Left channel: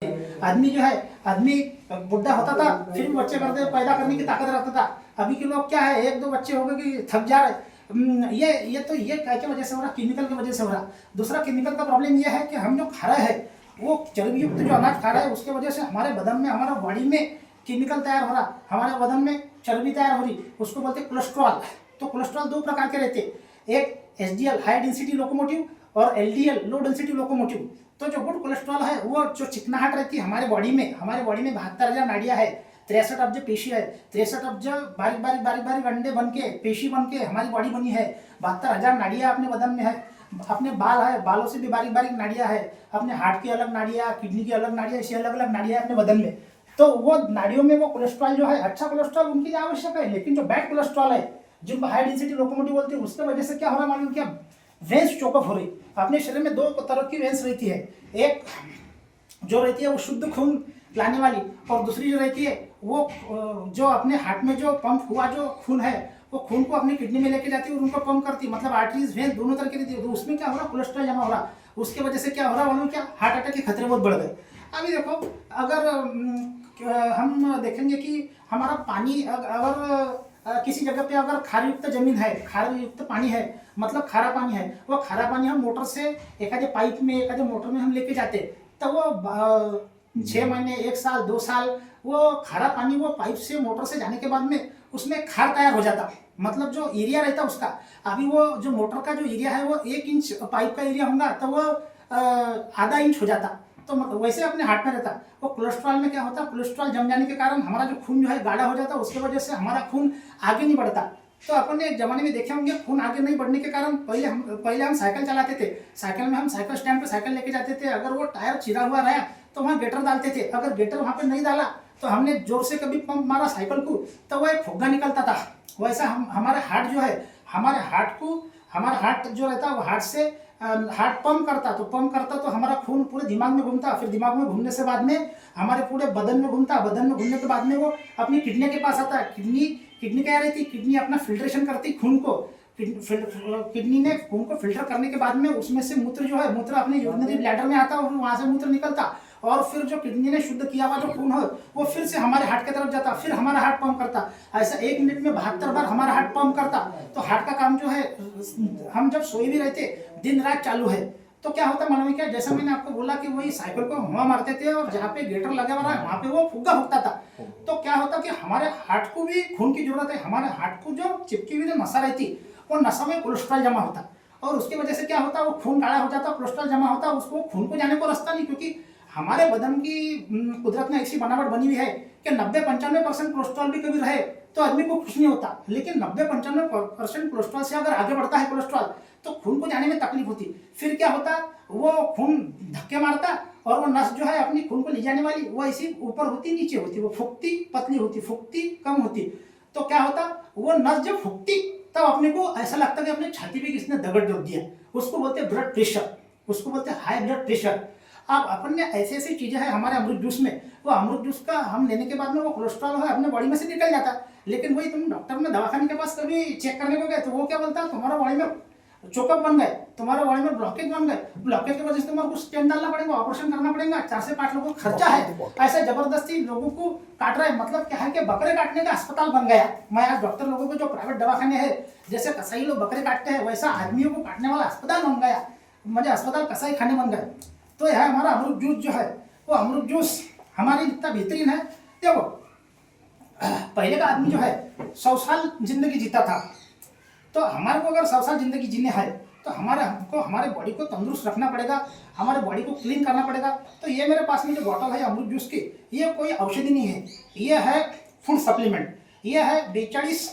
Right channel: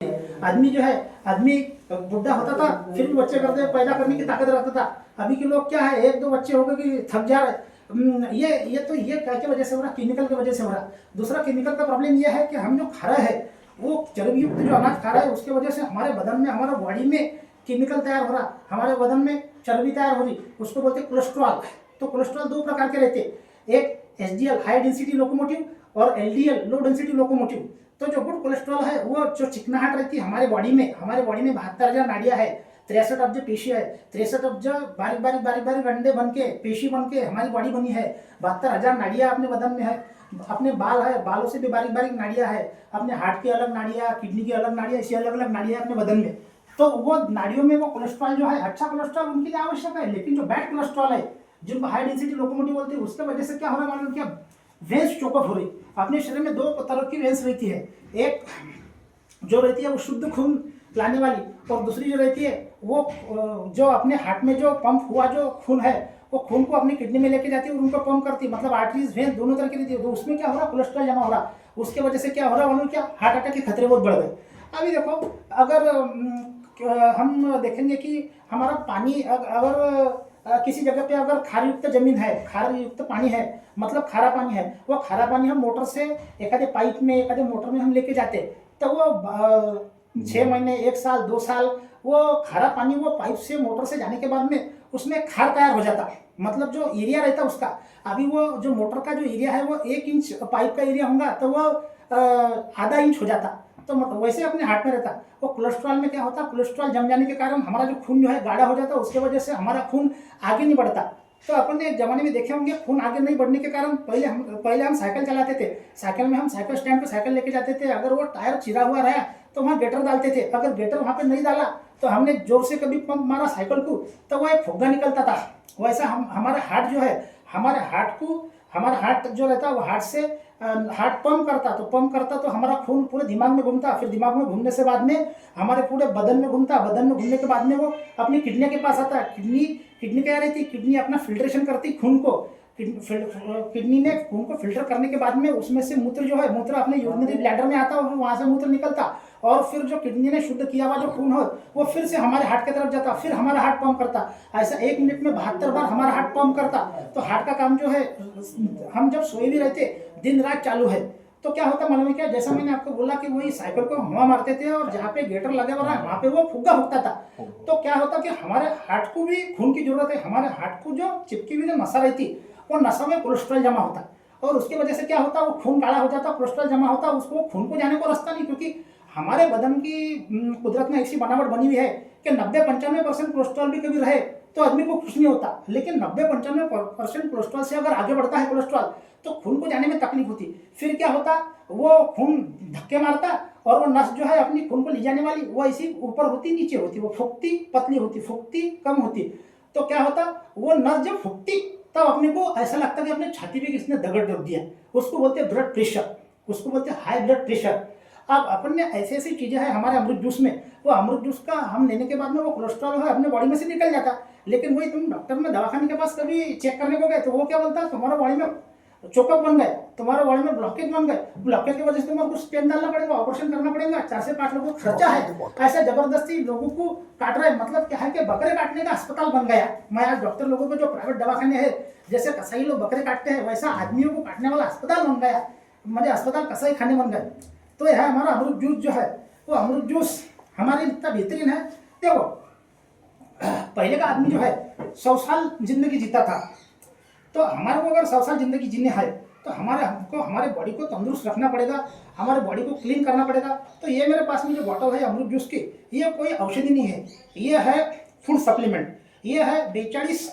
आदमी जो है, आदमी बुढ़ा होता था फिर भी बच्चे करते पैदा करने की ताकत रखता था। अभी के लोग क्या है, एक दो बच्चे हो गए कि थक जा रहे। ये क्या की वजह से हो रहा, केमिकल की वजह से हो रहा। दूसरा केमिकल का प्रॉब्लम ये है कि हम जो खा रहे हैं वो चर्बी युक्त जो अनाज खा रहे हैं उसके वजह से हमारे बदन में, हमारा बॉडी में केमिकल तैयार हो रहा, हमारे बदन में चर्बी तैयार हो रही, उसको बोलते हैं कोलेस्ट्रॉल। तो कोलेस्ट्रॉल दो प्रकार के रहते, एक एचडीएल हाई डेंसिटी लोकोमोटिव और एलडीएल लो डेंसिटी लोकोमोटिव। तो जो गुड कोलेस्ट्रॉल है वो जो चिकनाहट रहती है हमारे बॉडी में 72,000 नाड़ियाँ है, 63 अब्ज पेशी है, 63 अब्ज बारीक बारीक अंडे बन के पेशी बन के हमारी बॉडी बनी है। 72,000 नाड़ियाँ अपने बदन में है, अपने बाल है, बालों से भी बारीक बारीक नाड़ियाँ है, अपने हार्ट की अलग नाड़ियाँ, किडनी की अलग नाड़ियाँ, ऐसी अलग अलग नाड़ियाँ अपने बदन में। तो वो नाड़ियों में वो कोलेस्ट्रॉल जो है, अच्छा कोलेस्ट्रॉल उनके लिए आवश्यक है, लेकिन जो बैड कोलेस्ट्रॉल है जिनको हाई डेंसिटी लोकोमोटिव बोलते हैं उसके वजह से क्या हो रहा मालूम क्या, वेंस चोकअप हो रही। अपने शरीर में दो तरह की वेंस रहती है, एक जो रहती है वो शुद्ध खून लाने वाली, और दूसरी जो रहती है वो जो अपने हार्ट में जो पंप हुआ जो खून है वो खून को अपनी किडनी में लेके जाती है और उनको पंप करती है। मतलब आर्टरीज वेन दोनों तरह की रहती है। तो उसमें क्या हो रहा, कोलेस्ट्रॉल जमा हो रहा, उसके वजह से क्या हो रहा मालूम क्या, हार्ट अटैक के खतरे बहुत बढ़ गए। अभी देखो, अगर हम देखेंगे कि हमारा पानी अगर किसी जगह पे अगर खार युक्त जमीन है, खार युक्त पानी है, मतलब खारा पानी है, वो खारा पानी हम मोटर से एखादे पाइप में एखादे मोटर में हम लेके जाते, तो वो 6 महीने 1 साल 2 साल वो खारा पानी वो पाइप से मोटर से जाने के बाद में उसमें खार तैयार हो जाता। मतलब जो एरिया रहता उसका, अभी वो जो मोटर का जो एरिया है वो 1 इंच पाइप का एरिया होगा तो वो आधा इंच हो जाता। तो वैसे अपने हार्ट में रहता। वो कोलेस्ट्रॉल में क्या होता, कोलेस्ट्रॉल जम जाने के कारण हमारा जो खून जो है गाढ़ा हो जाता, उसके वजह से हमारा खून आगे नहीं बढ़ता। तो अपन ने एक जमाने में देखे होंगे, खून आगे नहीं बढ़ने के कारण पहले हम साइकिल चलाते थे, साइकिल में हम साइकिल स्टैंड पे साइकिल लेके जाते थे, अगर वो टायर चिरा हुआ रहा तो वहाँ गेटर डालते थे, अगर गेटर वहाँ पे नहीं डाला तो हमने जोर से कभी पंप मारा साइकिल को तो वो एक फुग्गा निकलता था। वैसा हमारे हार्ट जो है, हमारा हार्ट जो रहता है वो हार्ट से हार्ट पंप करता तो हमारा खून पूरे दिमाग में घूमता, फिर दिमाग में घूमने से बाद में हमारे पूरे बदन में घूमता, बदन में घूमने के बाद में वो अपनी किडनी के पास आता। किडनी क्या रहती, किडनी अपना फिल्ट्रेशन करती खून को, किडनी ने खून को फिल्टर करने के बाद में उसमें से मूत्र जो है, मूत्र अपने यूरिनरी ब्लैडर में आता और वहां से मूत्र निकलता, और फिर जो किडनी ने शुद्ध किया हुआ जो खून हो वो फिर से हमारे हार्ट की तरफ जाता, फिर हमारा हार्ट पंप करता। ऐसा 1 मिनट में 72 बार हमारा हार्ट पंप करता। तो हार्ट का काम जो है, हम जब सोए भी रहते दिन रात चालू है, तो क्या होता मालूम है क्या, जैसा मैंने आपको बोला कि वही साइकिल को हवा मारते थे और जहाँ पे गेटर लगा हुआ है वहाँ पे वो फुग्गा फूकता था। तो क्या होता कि हमारे हार्ट को भी खून की जरूरत है, हमारे हार्ट को जो चिपकी हुई जो नसा रहती वो नसों में कोलेस्ट्रॉल जमा होता, और उसकी वजह से क्या होता, वो खून गाढ़ा हो जाता, कोलेस्ट्रॉल जमा होता, उसको खून को जाने को रास्ता नहीं, क्योंकि हमारे बदन की कुदरत में ऐसी बनावट बनी हुई है कि 90-95% कोलेस्ट्रॉल भी कभी रहे तो आदमी को कुछ नहीं होता, लेकिन 90-95% कोलेस्ट्रॉल से अगर आगे बढ़ता है कोलेस्ट्रॉल तो खून को जाने में तकलीफ होती। फिर क्या होता, वो खून धक्के मारता और वो नस जो है अपनी खून को ले जाने वाली वो ऐसी ऊपर होती नीचे होती, वो फूकती पतली होती, फूकती कम होती। तो क्या होता, वो नस जब फूकती तब अपने को ऐसा लगता कि अपने छाती पे किसने दगड़ रख दिया, उसको बोलते हैं ब्लड प्रेशर, उसको बोलते हैं हाई ब्लड प्रेशर। अब अपन ने ऐसी चीजें हैं हमारे अमृत जूस में, वो अमृत जूस का हम लेने के बाद में वो कोलेस्ट्रॉल है अपने बॉडी में से निकल जाता, लेकिन वही तुम डॉक्टर में दवाखाने के पास कभी चेक करने को गए तो वो क्या बोलता है, तुम्हारा बॉडी में चोकअप बन गए, तुम्हारा बॉडी में ब्लॉकेज बन गए, ब्लॉकेज की वजह से तुम्हारे को स्टेंट डालना पड़ेगा, ऑपरेशन करना पड़ेगा, 4 से 5 लोगों का खर्चा है, ऐसा जबरदस्ती लोगों को काट रहा है। मतलब क्या है कि बकरे काटने का अस्पताल बन गया। मैं आज डॉक्टर लोगों को जो प्राइवेट दवाखाने हैं, जैसे कसाई लोग बकरे काटते हैं वैसा आदमियों को काटने वाला अस्पताल बन गया, मुझे अस्पताल कसाई खाने बन गए। तो यह हमारा अमृत जूस जो है, वो अमृत जूस हमारे इतना बेहतरीन है। देखो, पहले का आदमी जो है 100 साल जिंदगी जीता था, तो हमारे को अगर 100 साल जिंदगी जीने है तो हमको हमारे बॉडी को तंदुरुस्त रखना पड़ेगा, हमारे बॉडी को क्लीन करना पड़ेगा। तो ये मेरे पास में जो बॉटल है अमृत जूस की, ये कोई औषधि नहीं है, ये है फूड सप्लीमेंट। ये है 42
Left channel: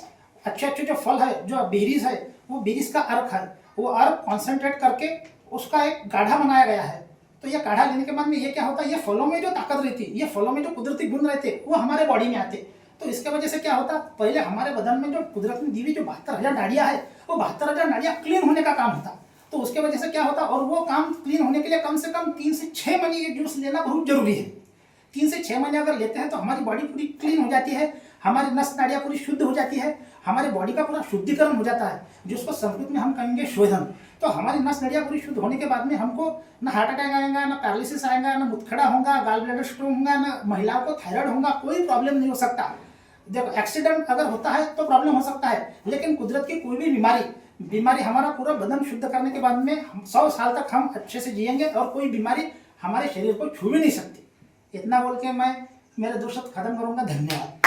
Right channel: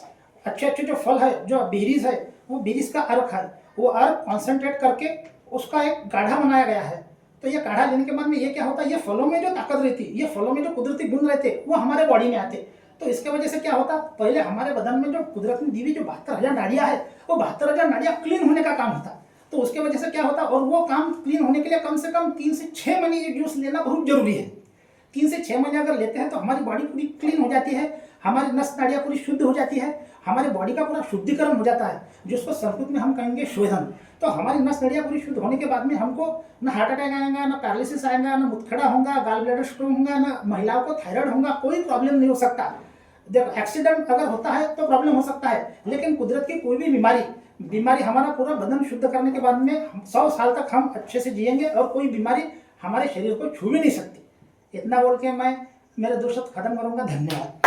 अच्छे जो फल है, जो बेरीज है, वो बेरीज का अर्क है, वो अर्क कॉन्सेंट्रेट करके उसका एक गाढ़ा बनाया गया है। तो ये काढ़ा लेने के बाद में ये क्या होता है, ये फलों में जो ताकत रहती, ये फलों में जो कुदरती गुण रहते वो हमारे बॉडी में आते। तो इसके वजह से क्या होता, पहले हमारे बदन में जो कुदरत ने दी हुई जो 72,000 नाड़ियां है, वो 72,000 नाड़ियां क्लीन होने का काम होता। तो उसके वजह से क्या होता, और वो काम क्लीन होने के लिए कम से कम 3 से 6 महीने ये जूस लेना बहुत जरूरी है। 3 से 6 महीने अगर लेते हैं तो हमारी बॉडी पूरी क्लीन हो जाती है, हमारी नस नाड़ियाँ पूरी शुद्ध हो जाती है, हमारी बॉडी का पूरा शुद्धिकरण हो जाता है, जिसको संस्कृत में हम कहेंगे शोधन। तो हमारी नस नड़ियाँ पूरी शुद्ध होने के बाद में हमको ना हार्ट अटैक आएगा, ना पैरालिसिस आएगा, ना मुतखड़ा होगा, गाल ब्लैडर स्टोन होगा, ना महिलाओं को थायराइड होगा, कोई प्रॉब्लम नहीं हो सकता। देखो एक्सीडेंट अगर होता है तो प्रॉब्लम हो सकता है, लेकिन कुदरत की कोई भी बीमारी हमारा पूरा बदन शुद्ध करने के बाद में 100 साल तक हम अच्छे से जिएंगे और कोई बीमारी हमारे शरीर को छू भी नहीं सकती। इतना बोल के मैं मेरे 2 शब्द खत्म करूंगा। धन्यवाद।